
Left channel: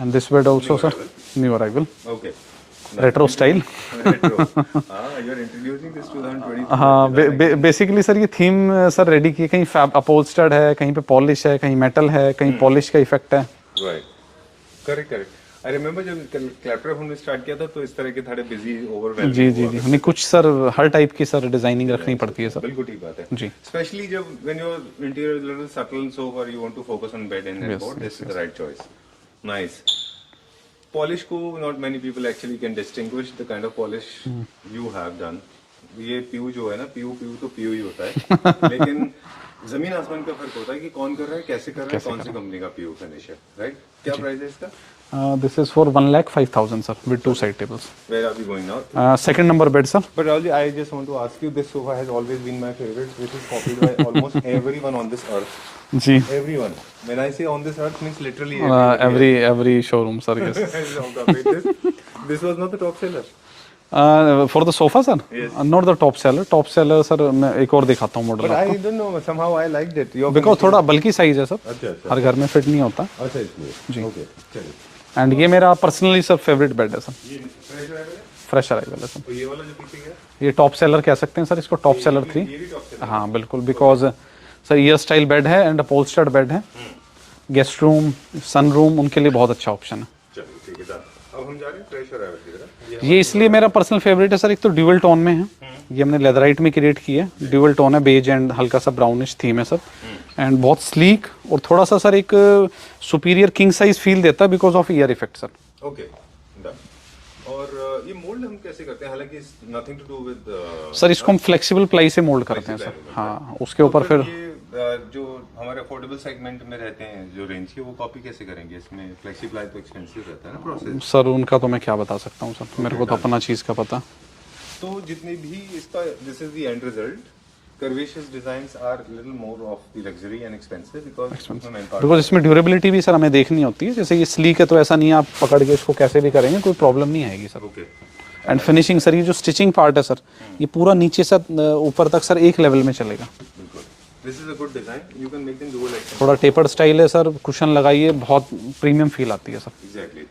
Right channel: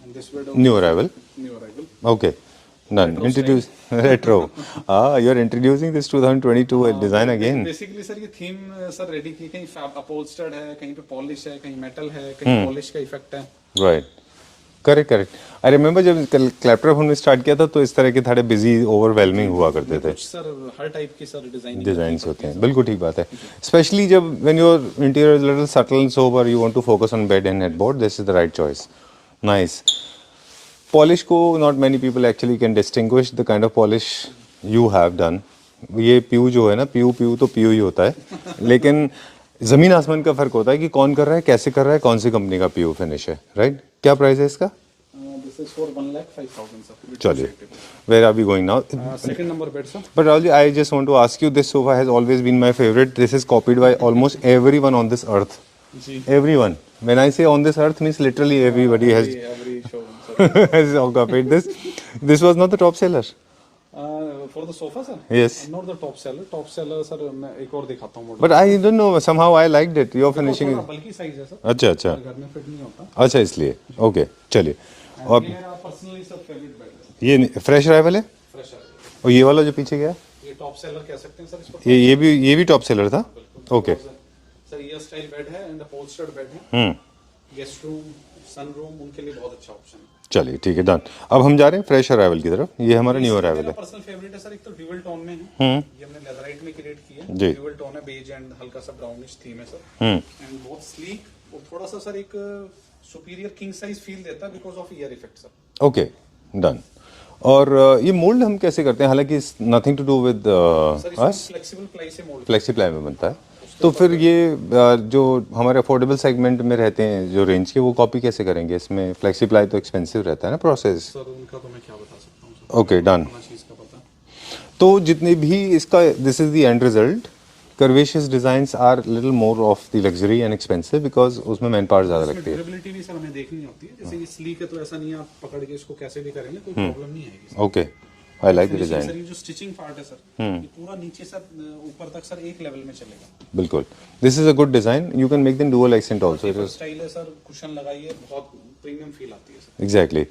And this bed also New sir, arrival. New arrival. Okay. Done. Retro style. Retro. You're introducing this 2022 हाँ, design again. बेसिकली सर ये थीम सर रेडी की. कहीं अपहोल्स्टर्ड है, कहीं पे polish है, कहीं मेटल है, कहीं पॉलिश का इफेक्ट है. Right. Correct. I remember जब क्लैपट्रैप हमने स्टार्ट किया था तो इस तरह के थोड़े बिजी ओवरवेलमिंग हुआ करते नहीं थे. कुछ सर हर टाइप की सर डिजाइनिंग रखनी पड़ती है सर. बिल्कुल ठीक बात है. जी. Especially जब when your interior is little subtle and sober, you want to focus on bed and headboard. This is the right choice. Nice. Polish को not many people actually can distinguish the kind of polish you have done. ये PU जो है ना, PU तो PU ही होता है. लेकिन जमीन आसमान का फर्क होता है कि कौन कर रहा है, कैसे कर रहा है, कौन सी कंपनी का पीओ फिनिश है, राइट? क्या प्राइस है इसका? This is for 1,05,000 sir with two side tables. Where are we going now? Second number bed sir. But Rahul ji, I just want to ask you, this sofa has always been my favorite. This is copied by almost everyone on this earth. जी, Everyone. When I say on this earth, means literally everybody every showroom sir, yes. has copied this. This was not the top seller. For the sofa sir, Yes. not the top seller sir, मैं एक और दिखाता हूँ model. But I don't know, somehow I liked it. Your because finishing. थोड़ा बल्कि size है sir, अच्छा अच्छा हर घर में फिट नहीं होता। अच्छा, इसलिए ओके चलिए। एंड ये मेरा पर्सनली सर फेवरेट बेड है सर, ये फ्रेश अराइवल है, फ्रेश अराइवल है सर। और ये वाला जो पीछे गया, ये टॉप सेलर कह सकते हैं सर इसको, टॉप सेलर। ये भी टॉप सेलर था। हाँ बिल्कुल, because sir year style bed है एंड अपहोल्स्टर्ड बेड है। गेस्ट रूम, सन रूम, उनके लिए बहुत अच्छा ऑप्शन है। चलिए ठीक है, डन। अब हम जा रहे हैं फ्रेश अराइवल की तरफ। ये हमारा ये new इसलिए मेरा arrival पर्सनल फेवरेट है सर, एक तो ड्यूअल टोन में है, ये हमने लेदराइट में क्रिएट की है। ड्यूअल टोन है, बेज एंड हल्का सा ब्राउनिश थीम है सर, एंड बहुत स्लीक और थोड़ा सा सर एक सुपीरियर किंग साइज फील देता है because of ear effect sir. है। Okay done. और ये मोल्ड हम कैसे करते हैं? हालांकि nothing to do with sir इसको हम फ्लेक्सिबल प्लाई से मोल्ड करते फ्लेक्सिबल हैं में सर। बनता है। हाँ, उसके तो ऊपर फिर ये जो हमारे अफोर्डेबल सेगमेंट में रहते हैं जो रेंज के, वो कॉपी कैसे करेंगे? इसमें फ्लेक्सीप्लाई तो एक्सपेंसिव रहता है ना प्रोसेस। सर उनका तो मैं क्या बता सकता हूँ सर, Okay, मेरे को तो done. अपना चीज़ का पता। तो जितने भी इसका, this is the end result. Curvaceous designs are little more of the luxury and expensive because उसमें मैन बिकॉज पावर। इसमें ड्यूरेबिलिटी भी सर हमें देखनी होती है। जैसे ये स्लीक है तो ऐसा नहीं है आप पकड़ के इसको कैसे भी करेंगे कोई प्रॉब्लम नहीं आएगी sir. Okay and finishing sir, ये जो स्टिचिंग पार्ट है सर, ये पूरा नीचे से ऊपर तक सर एक लेवल में चलेगा। बिल्कुल, this is a good design. You can make them dual accent. थोड़ा टेपर्ड स्टाइल है सर, कुशन लगाइए, बहुत प्रीमियम फील आती है सर। Exactly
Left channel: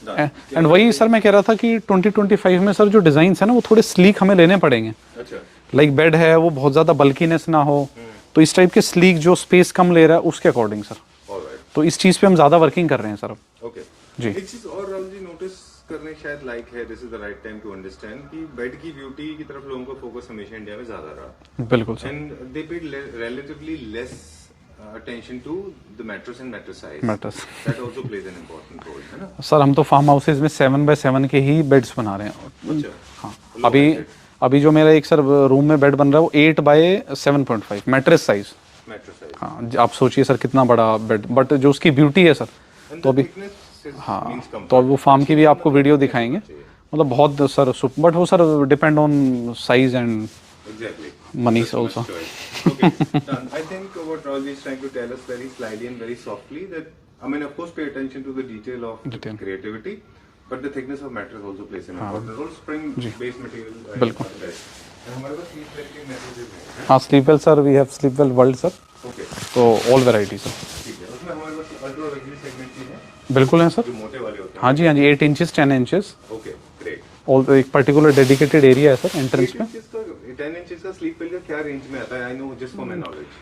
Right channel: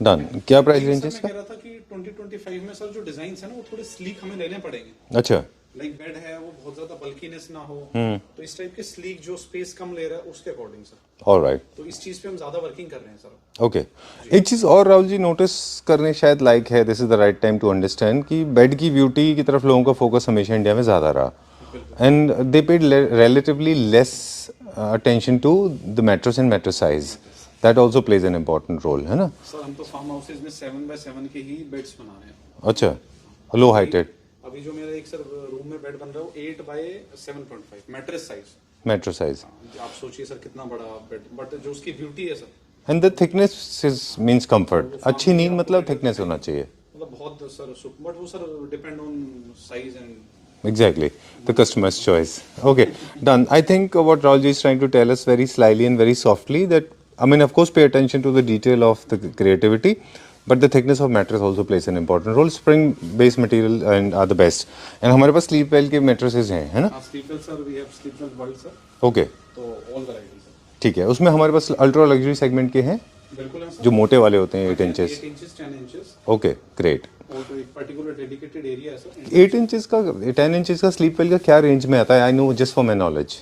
done. क्या वही सर मैं कह रहा था कि 2025 में सर जो डिजाइन है ना वो थोड़े स्लीक हमें लेने पड़ेंगे। अच्छा, लाइक बेड है वो बहुत ज्यादा बल्कीनेस ना हो, तो इस टाइप के स्लीक जो स्पेस कम ले रहा है उसके अकॉर्डिंग सर। ऑलराइट, तो इस चीज पे हम ज्यादा वर्किंग कर रहे हैं सर। ओके। एक चीज और राहुल जी नोटिस करने शायद लाइक है, this is the right time to understand कि बेड की ब्यूटी की तरफ लोगों का फोकस हमेशा इंडिया में ज्यादा रहा। बिल्कुल and they paid relatively less attention to the mattress and mattress size. Mattress. That also plays an important role, है ना? सर हम तो फार्म हाउसेज में 7x7 के ही बेड्स बना रहे हैं। अच्छा, हाँ। लो अभी हाइटेड अभी जो मेरा एक सर रूम में बेड बन रहा है वो 8x7.5 mattress size. mattress size. हाँ, आप सोचिए सर कितना बड़ा बेड, बट जो उसकी ब्यूटी है sir, And the thickness is means तो comfort. वो फार्म अच्छी की भी नींद आपको मतलब वीडियो thickness होना दिखाएंगे, चाहिए। मतलब बहुत सर बट वो sir depend on size and Exactly. The Money customer's also. choice. Okay, done. I think what Raulji is trying to tell us very slyly and very softly that, I mean, of course, pay attention to the detail of the creativity, but the thickness of mattress also plays an important role. Spring-based material and are the best. And हमारे पास Sleepwell के mattresses हैं, है ना? हाँ Sleepwell sir, we have Sleepwell world sir, Okay, तो all variety sir. ठीक है। उसमें हमारे पास अल्ट्रा लग्जरी सेगमेंट के हैं बिल्कुल है सर, जो मोटे वाले होते हैं। हाँ जी हाँ जी, 8 इंचेस 10 इंचेस, ओके, ग्रेट। और एक पर्टिकुलर डेडिकेटेड एरिया है सर एंट्रेंस 8 इंचेस का 10 इंचेस का Sleepwell का क्या रेंज में आता है? I know just for my knowledge.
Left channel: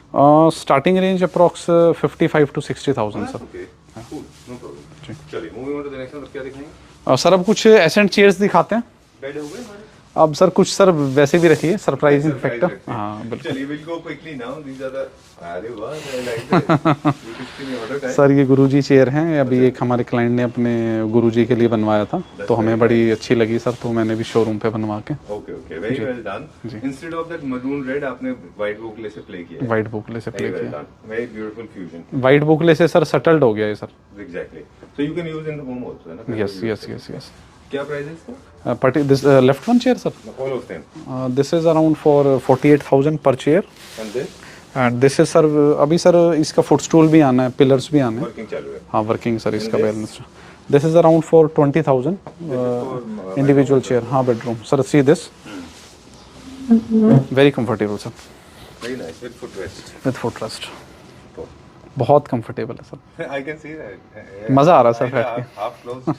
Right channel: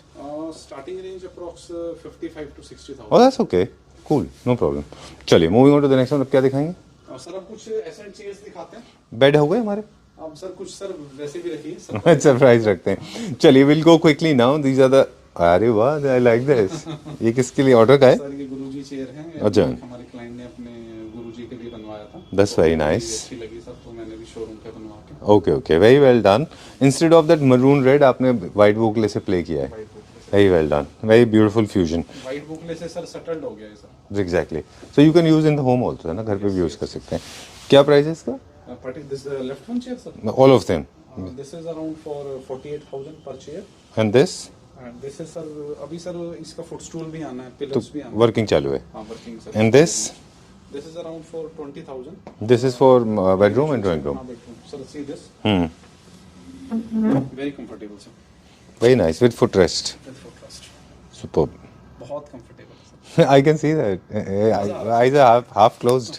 Starting range approx 55 to 60,000। Oh that's okay, cool, no problem. चलिए moving on to the next one. अब क्या दिखाएंगे? सर अब कुछ एसेंट चेयर्स दिखाते हैं। बेड हो गए हमारे? अब सर कुछ सर वैसे भी रखिए, सरप्राइज रखते हैं। चलिए will go quickly now. These are the, अरे वाह, आई लाइक दिस। ये किसके लिए ऑर्डर का है? सर ये गुरुजी चेयर हैं, अभी अच्छा। एक हमारे क्लाइंट ने अपने गुरुजी के लिए बनवाया था, That's तो हमें very बड़ी nice. अच्छी लगी सर, तो मैंने भी शोरूम पे बनवा के okay okay, very well done. Instead of that maroon red आपने व्हाइट बुकले से प्ले किया है। वाइट बुकले से। Very well done, very beautiful fusion. White boucle से सर सेटल्ड हो गया है sir. Exactly, so you can use in the home also, है ना? घर पे Yes, भी यूज yes, कर yes, सकते हैं। क्या प्राइस है इसका? This left one chair sir, all of them. This is around for 48,000 पर chair, and this and this is sir, अभी सर इसका फुटस्टूल भी आना है, पिलर्स भी आना है। वर्किंग चालू है। हाँ working sir. And this? This is around for 20,000 this is for individual chair. हाँ bedroom sir, see this very comfortable sir, very nice with foot rest. With foot rest, super. बहुत comfortable है sir. I can see that. मजा आ रहा है Eyes are half closed.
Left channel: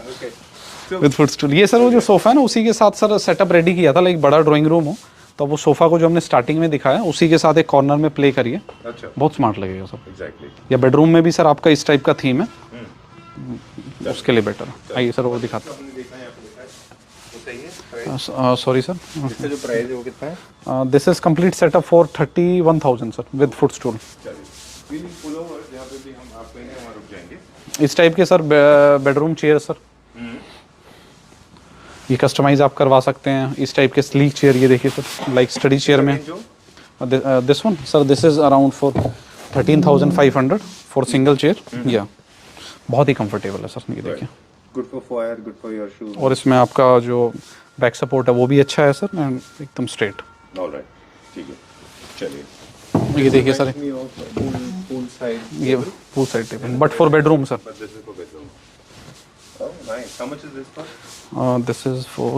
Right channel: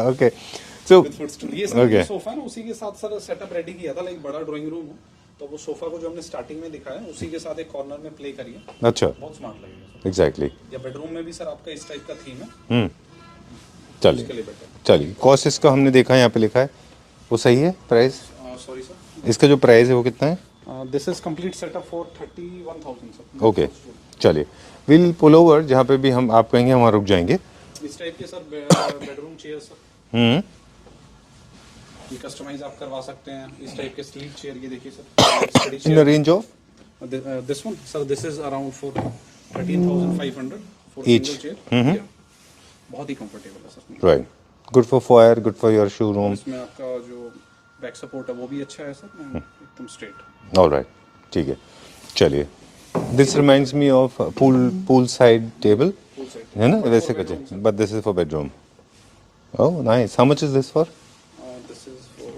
Okay. So with footstool. ये sir वो जो sofa है ना उसी के साथ सर सेटअप रेडी किया था, लाइक बड़ा ड्राइंग रूम हो तो वो सोफा को जो हमने स्टार्टिंग में दिखाया उसी के साथ एक कॉर्नर में प्ले करिए, अच्छा, बहुत स्मार्ट लगेगा सर। एग्जैक्टली। या बेडरूम में भी सर आपका इस टाइप का थीम है, चलो उसके लिए बेटर। चलिए, कॉस्ट इसका हमने देखा यहाँ पे लिखा है, वो सही है प्राइस? सॉरी सर, इसका जो प्राइस है वो कितना है? This is complete setup for 31,000 sir with Okay. फुटस्टूल। चलिए विल पुल ओवर, जहाँ पे भी हम आप कहेंगे वहाँ रुक जाएंगे। इस टाइप के सर बेडरूम चेयर सर, ये कस्टमाइज आप करवा सकते हैं। इस टाइप के स्लीक चेयर, ये देखिए सर, लाइक स्टडी चेयर में range of This one, sir, this is around for 13,500 for single chair. Yeah, बहुत ही comfortable है सर. ये राइट, देखिए. Good for fire, good for your shoes. और इसमें आपका जो बैक सपोर्ट है वो भी अच्छा है सर, एंड एकदम स्ट्रेट. ऑलराइट, ठीक है, चलिए. ये दिस देखिए reminds sir. Me of pool side table. Full side table, but for bedroom, sir. But this is for bedroom. Oh, nice. How much is this for? This is for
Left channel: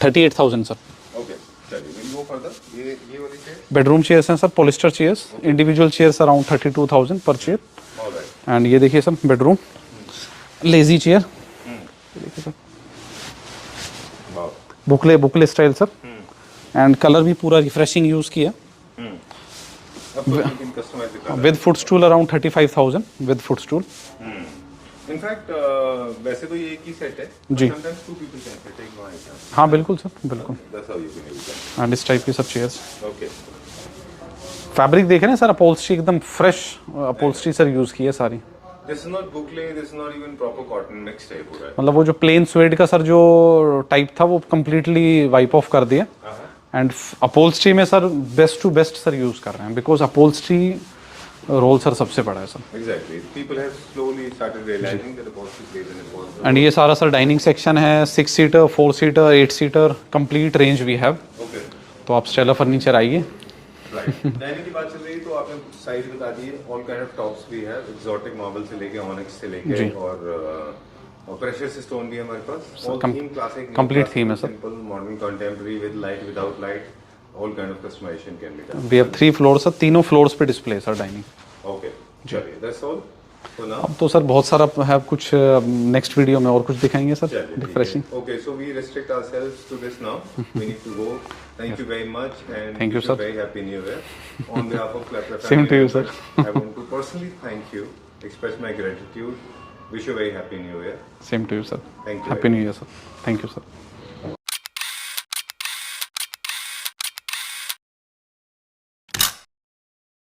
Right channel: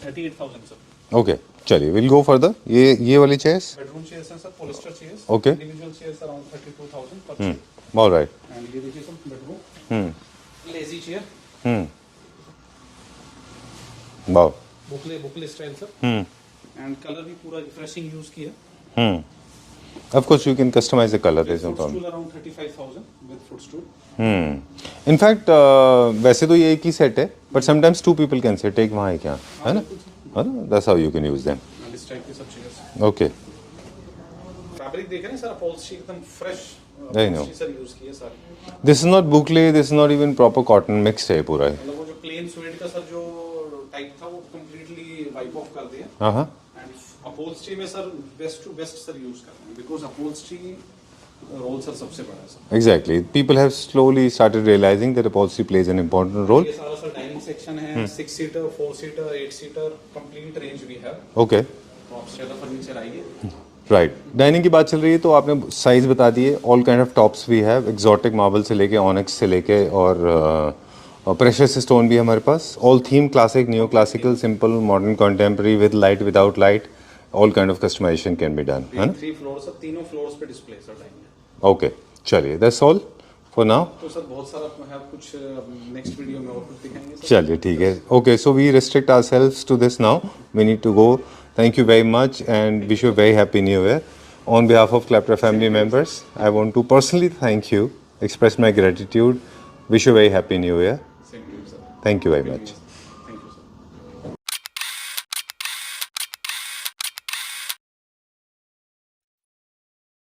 38,000 sir. Okay, चलिए, we'll go further. ये वाली chairs? Bedroom chairs हैं sir, polyester chairs. Okay. Individual chairs around 32,000 per chair. All right. And ये देखिए sir bedroom lazy chair. Wow. Boucle style sir. And colour भी पूरा refreshing use किया. Of course, you can customize the color. With footstool around 35,000 with footstool. In fact, वैसे तो ये एक ही सेट है, but sometimes two people can sit. एक वहाँ एक यहाँ. हाँ बिल्कुल सर, बिल्कुल. That's how you can use them. And इस टाइप की सब चेयर्स. Okay. फैब्रिक देखे ना सर, अपहोल्स्ट्री एकदम फ्रेश अपहोल्स्ट्री सर यूज की है सारी. This is not boucle. This is not even proper cotton. Mixed है पूरा. मतलब वो जो प्लेन स्वेड का सर जो टाइप था वो कम्प्लीटली वाइप ऑफ कर दिया. हाँ. एंड अपहोल्स्ट्री में sir best to best sir use कर रहे हैं, बिकॉज अपहोल्स्ट्री रोल सर सबसे बड़ा है sir. Exactly. People have slowly started realizing that upholstery plays an important and role. ये सारा सर डाइनिंग सेक्शन है. 6 seater, 4 seater, 8 seater, complete range we have. Okay. तो आप स्टेला फर्नीचर आइए. Right. Dining की बात चल रही है तो आपने साइज बता दिए. All kind of tops we have, exotic marble से लेके ऑनिक्स से लेके और प्रेशियस स्टोन भी है हमारे पास. All theme classic, new classical, simple, modern, contemporary, with light, without light. All kind of customisation can be done. We have 3 floor sir, तीनों फ्लोर्स पे डिस्प्ले सर डाइनिंग. ओके, चलिए, दैट्स ऑल फॉर नाउ. तो sir बहुत सारा है कुछ, next video में और कुछ दिखाएंगे सर. चलिए, ठीक है. Okay, so we restrict ourselves to this now. We need to go. Thank you very much and wish you a very happy new year. On behalf of Claptra family members, I want to personally thank you, express my gratitude. Wish you a very happy new year. Same to you sir. Thank you very Happy much. New Year sir. Thank you sir.